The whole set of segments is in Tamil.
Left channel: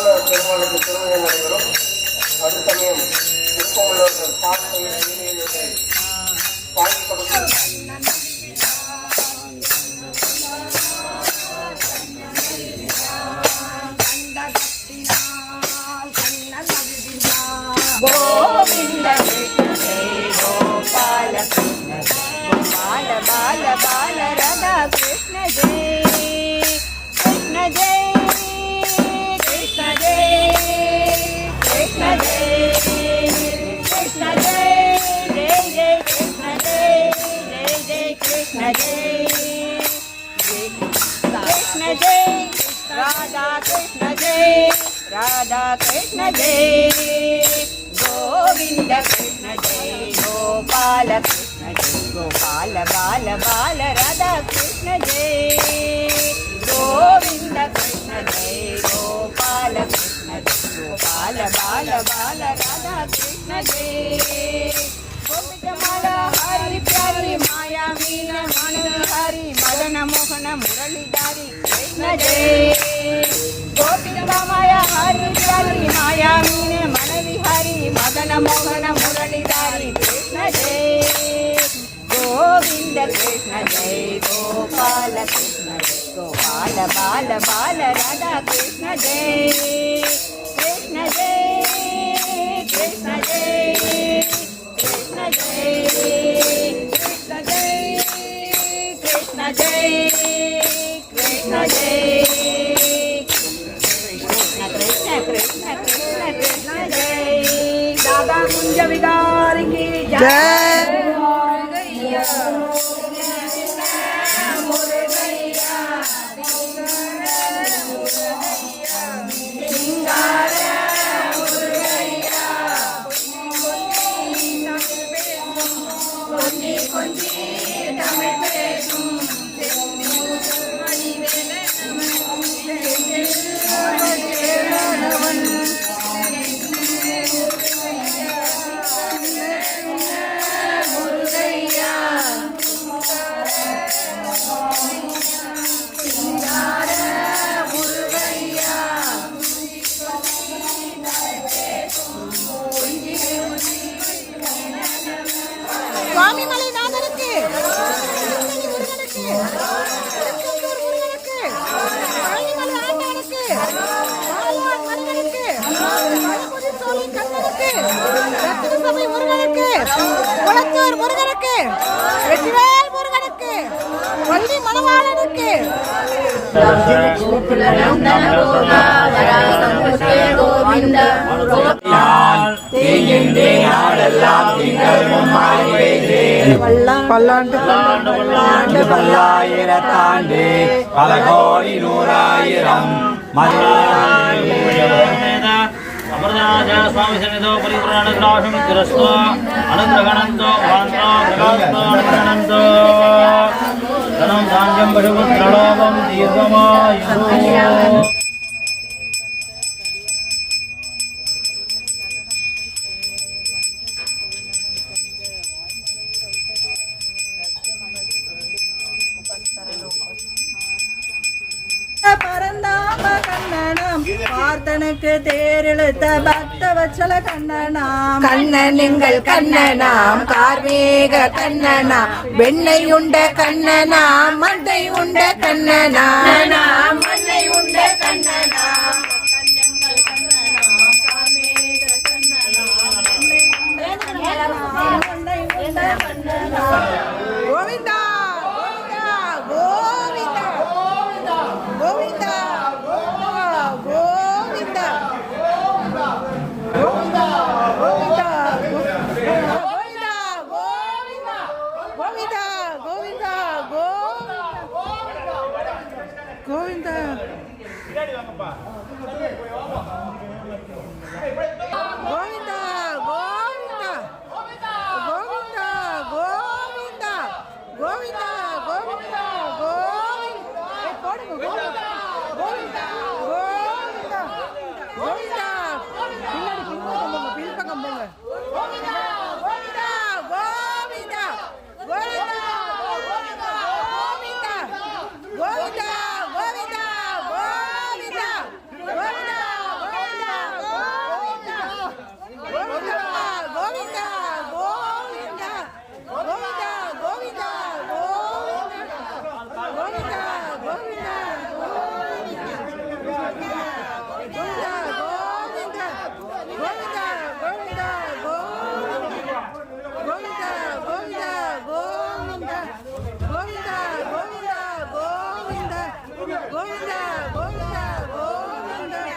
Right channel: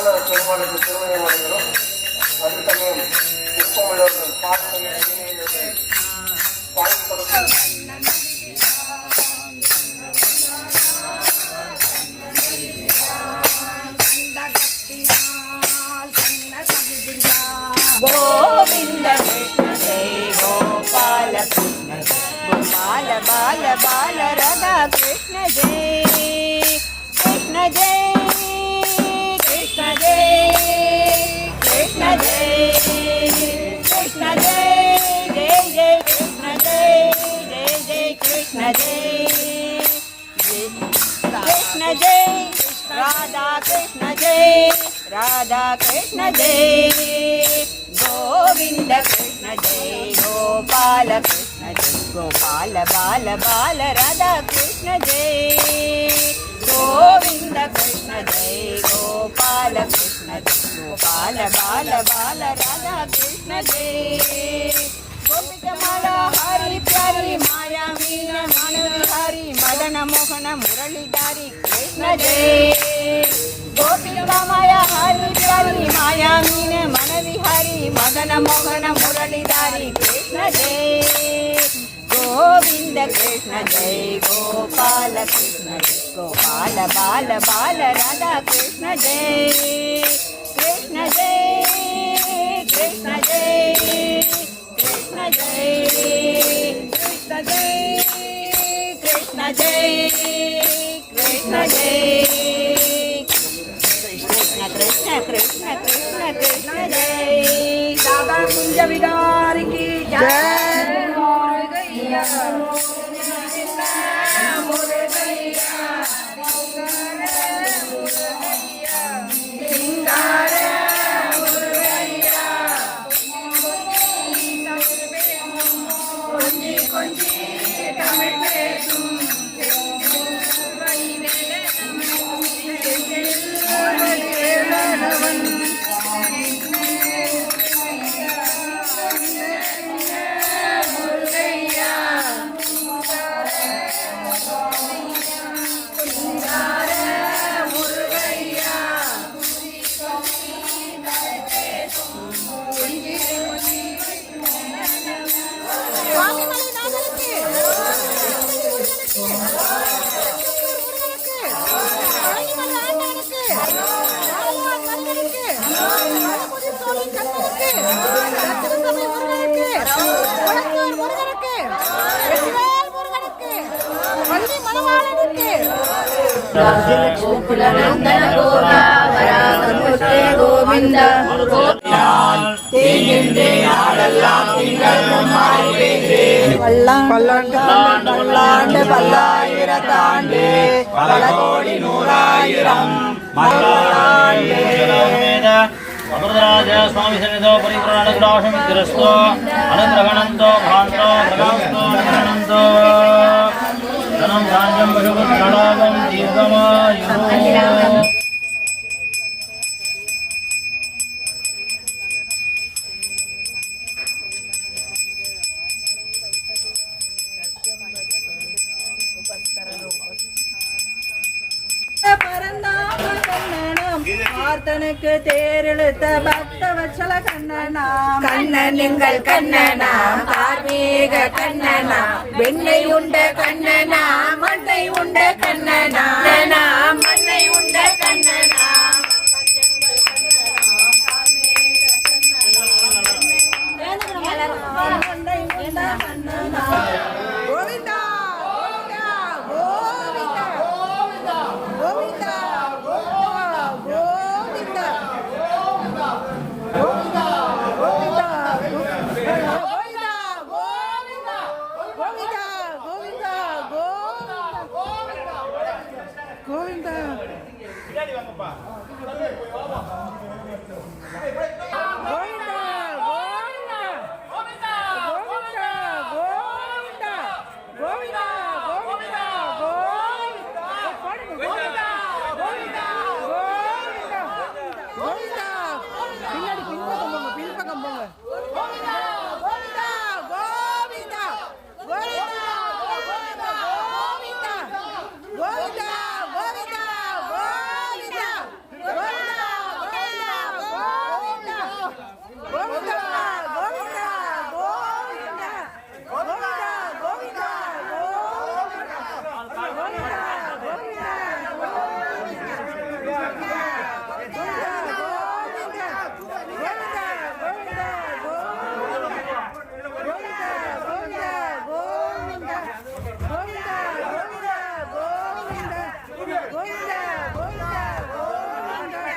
சரவண பெருமாளுக்கு திருமணம் நடைபெறும். அது சமயம் விருப்பமுள்ளவர்கள் பார்த்து பாடி கொடுக்கும். राधा कृष्ण जय गोविंद कृष्ण जय गोपाल कृष्ण जय गोपाल बाल बाल राधा कृष्ण जय गोविंद कृष्ण जय गोपाल कृष्ण जय गोपाल बाल बाल राधा कृष्ण जय गोपिकमाला हरि प्यारी माया मीन मनोहारी मदन मोहन मुरलीधारी कृष्ण जय मदन मोहन मुरलीधारी कृष्ण जय गोविंद कृष्ण जय गोपाल कृष्ण जय गोपाल बाल बाल राधा कृष्ण जय कृष्ण जय कृष्ण जय कृष्ण जय कृष्ण जय कृष्ण जय कृष्ण जय பல்லாண்டு பல்லாண்டு பல்லாயிரத்தாண்டு பல கோடி நூறாயிரம் अमृतराज स्वामी सन्निधौ परिपूर्णग्राहं गिरस्तो अनुग्रहणन्तो भान्तो ग्रहास्तो अनुग्रहणन्तो धनं धान्यं पशुपुत्रलाभं दीर्घमायुः பார்த்தனுக்கு தேரெழுத்த பக்த வச்சல கண்ணனாம் கண்ணன் எங்கள் கண்ணனாம் கார்மேக கண்ணனாம் வெண்ணெய் உண்ட கண்ணனாம் மண்ணை உண்ட கண்ணனாம் மண்ணை உண்ட கண்ணனாம் கோவிந்தா கோவிந்தா கோவிந்தா கோவிந்தா கோவிந்தா பின்னாடி வாங்கப்பா கோவிந்தா கோவிந்தா கோவிந்தா கோவிந்தா கோவிந்தா கோவிந்தா கோவிந்தா போடுங்க கோவிந்தா கோவிந்தா கோவிந்தா கோவிந்தா பின்னாடி பின்பக்கம் போங்க கோவிந்தா கோவிந்தா கோவிந்தா கோவிந்தா கோவிந்தா கோவிந்தா கோவிந்தா கோவிந்தா கோவிந்தா கோவிந்தா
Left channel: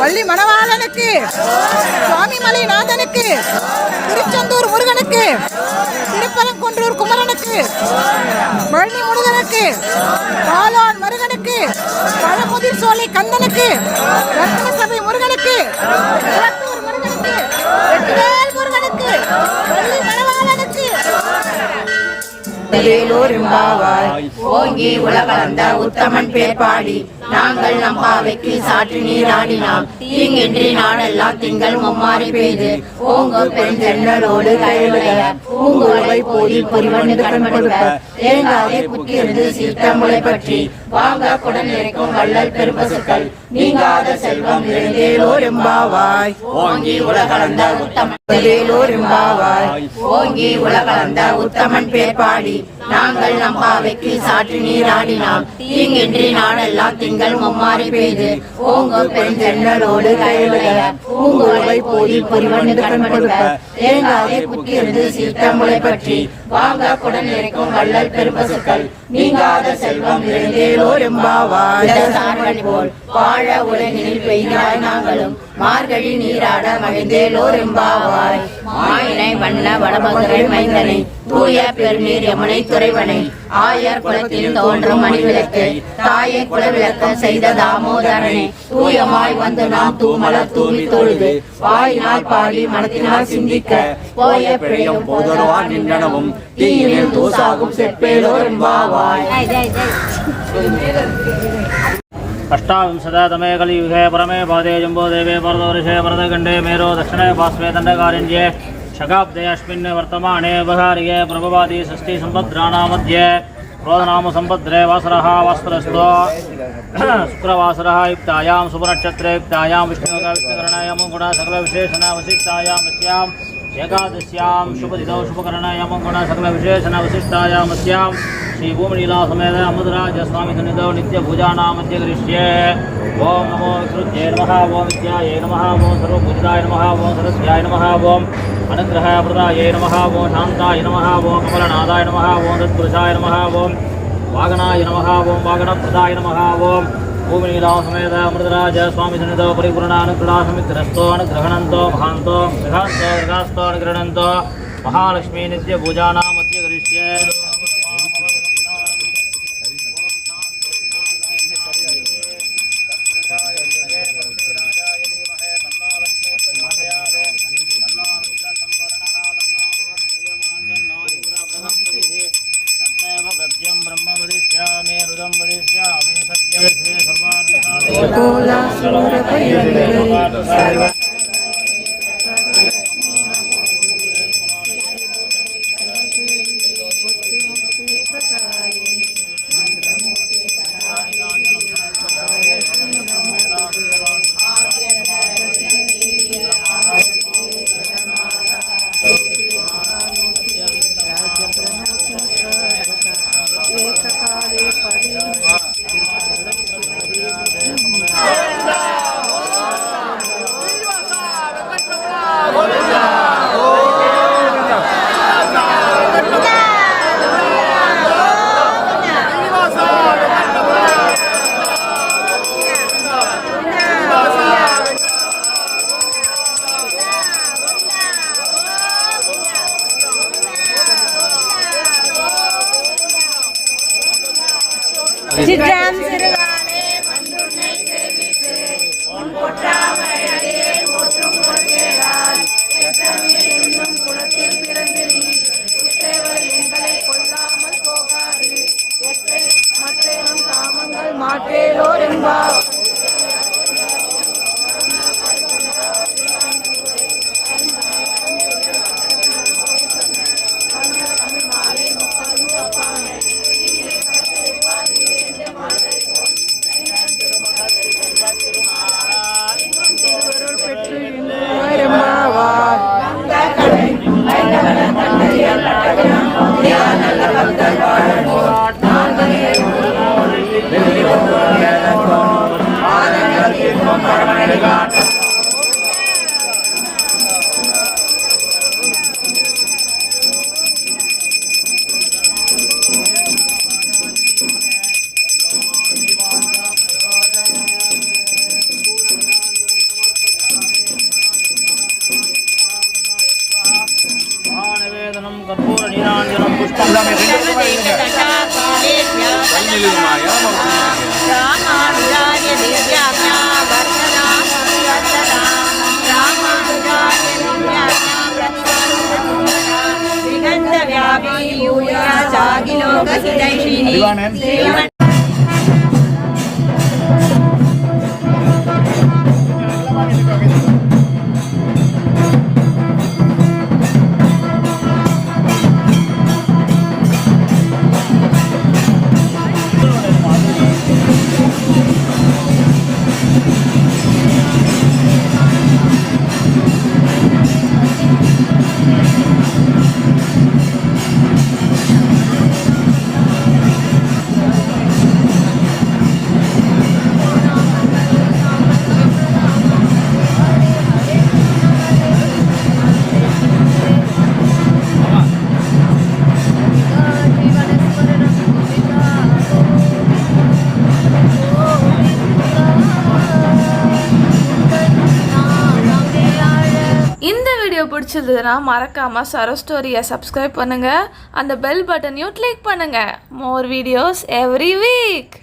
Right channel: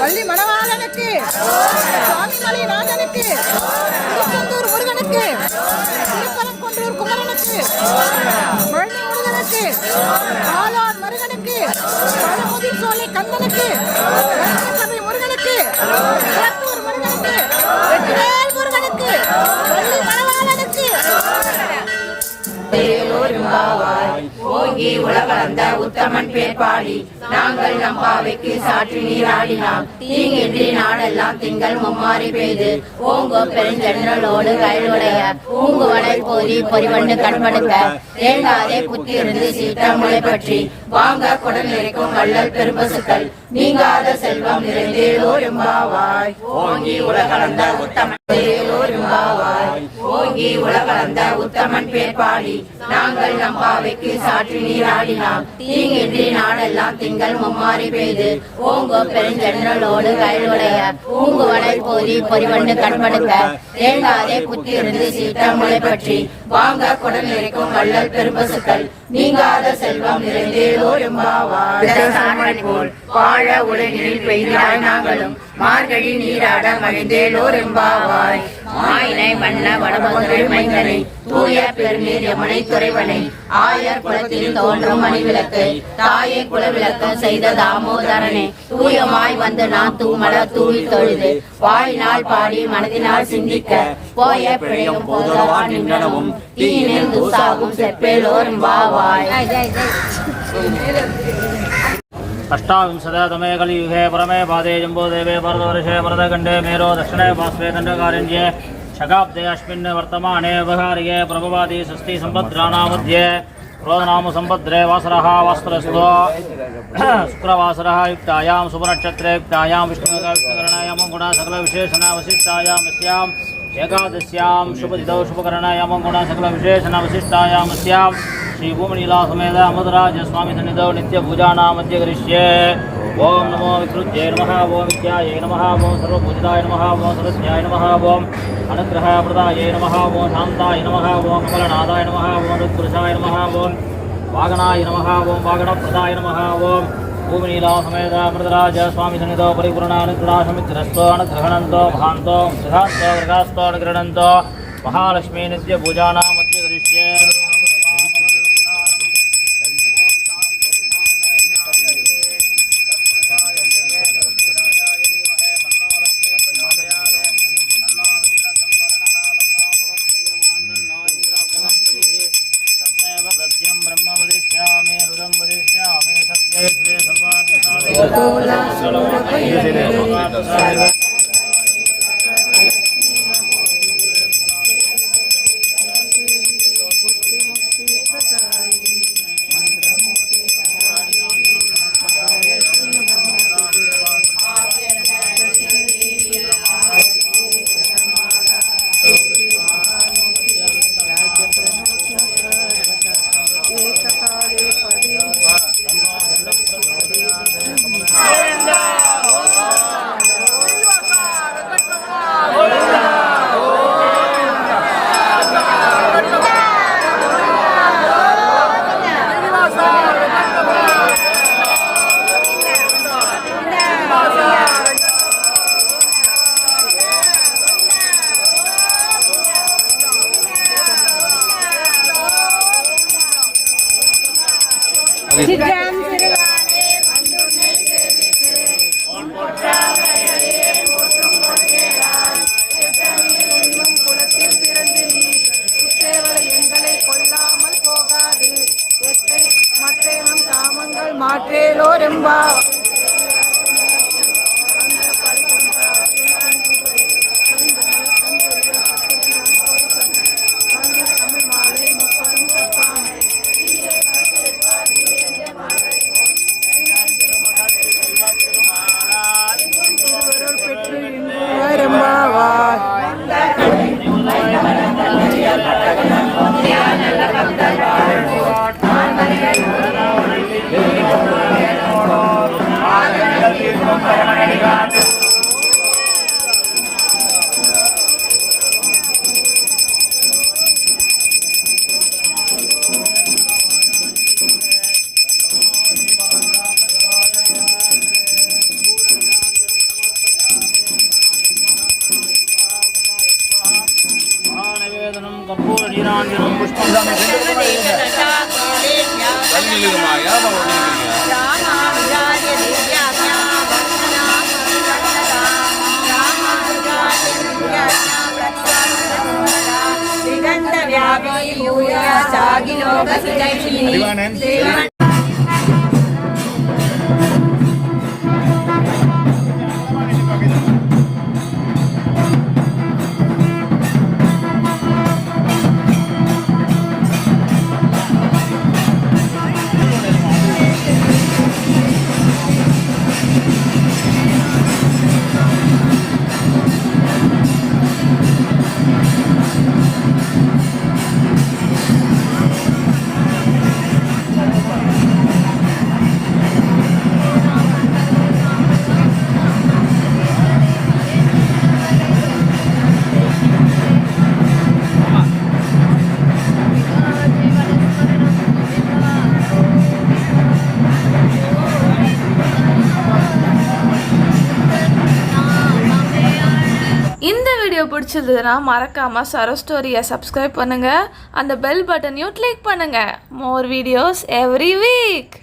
வள்ளி மணவாளனுக்கு, சுவாமிமலை நாதனுக்கு, திருச்செந்தூர் முருகனுக்கு, திருப்பரங்குன்றூர் குமரனுக்கு, வள்ளி முருகனுக்கு, பாலான் முருகனுக்கு, பழமுதிர் சோலை கந்தனுக்கு, ரத்னசபை முருகனுக்கு, குளத்தூர் முருகனுக்கு, வெற்றிவேல் முருகனுக்கு, வள்ளி மணவாளனுக்கு. ஓங்கி உலகளந்த உத்தமன் பேர் பாடி நாங்கள் நம் பாவைக்கு சாற்றி நீராடினாம். தீங்கின்றி நாடெல்லாம் திங்கள் மும்மாறி பெய்து ஓங்க பெருஞ்சன்னலோடு கையுடைய பூங்குவலை போதி பொறிவண்ணு கண்மடுக்க தேங்காதே குத்தியிருந்து சீத்தமுளை பற்றி வாங்க குடல் இருக்கும் வள்ளல் பெரும்பசுக்கள் நீங்காத செல்வம் நிறைந்தேலோரும்பாவாய். ஓங்கி உலகளந்த உத்தமன் ஓங்கி உலகளந்த உத்தமன் பேர் பாடி நாங்கள் நம் பாவைக்கு சாற்றி நீராடினாம். தீங்கின்றி நாடெல்லாம் திங்கள் மும்மாறி பெய்து ஓங்க பெருஞ்சன்னலோடு கையுடைய பூங்குவலை போதி பொறிவண்ணு கண்மடுக்க தேங்காதே குத்தியிருந்து சீத்தமுளை பற்றி வாங்க குடல் இருக்கும் வள்ளல் பெரும்பசுக்கள் நீங்காத செல்வம் நிறைந்தேலோரும்பாவாய். போல் வாழ உலகினில் பெய்கிறாய் நாங்களும் மார்கழி நீராட மகிழ்ந்தேலோரும்பாவாய். மாயினை மன்ன வடமதுரை மைந்தனை தூய பெருநீர் யமுனை துறைவனை ஆயர் குலத்தில் தோன்றும் மணிவிளக்கு தாயை குலவிளக்க செய்த தாமோதரனே தூயமாய் வந்து நாம் தூமலர் தூவி தொழுது வாயினால் பாடி மனதினால் சிந்திக்க போய பிழையும் போதொருவான் நின்றனவும் தீயினில் தூசாகும் செப்பேலோரும்பாவாய். अष्टाविंशततमे कलियुगे परमे पादे जम्बोदेवे वरदवर्षे वरदखण्डे मेरो दक्षिणे पार्श्वे दण्डकारण्ये शकाब्दे अस्मिन् वर्तमाने बहार्ये प्रभवादि षष्ठी सम्पद्राणां मध्ये क्रोधनाम सम्पद्रे वासरः वास्तरस्तो शुक्रवासरः युक्तायां शुभनक्षत्रे युक्तायां विष्णुकरणायां गुण सकलविशेषण वसिष्ठायां अस्याम् एकादश्यां शुभदितौ शुभकरणायां गुण सकलविशेषण वसिष्ठायां अस्यां श्री भूमनीला समेत अमृतराज स्वामी सन्निधौ नित्य पूजानां मध्य करिष्ये. ओम नमो विकृत्यै नमः, ओम विद्यायै नमः, ओम सर्वपूजिताय नमः, ओम सरस्याय नमः, ओम अनुग्रहप्रदायै नमः, ओम शान्ताय नमः, ओम कमलनादाय नमः, ओम तत्पुरुषाय नमः, ओम वागनाय नमः, ओम वागनप्रदाय नमः, ओम भूमनीला समेत अमृतराज स्वामी सन्निधौ परिपूर्णानुग्रहासमित्रस्तो अनुग्रहणन्तो महान्तो गृहान्तो गृहास्तो अनुग्रहणन्तो महालक्ष्मी नित्य पूजानां मध्य करिष्ये. கற்பூர நீராஞ்சனம் புஷ்பம் இந்த வீடியோ பிடிச்சிருந்ததுன்னா மறக்காம சரோ ஸ்டோரியை சப்ஸ்கிரைப் பண்ணுங்க, அந்த பெல் பட்டனையும் கிளிக் பண்ணுங்க. More videos every week.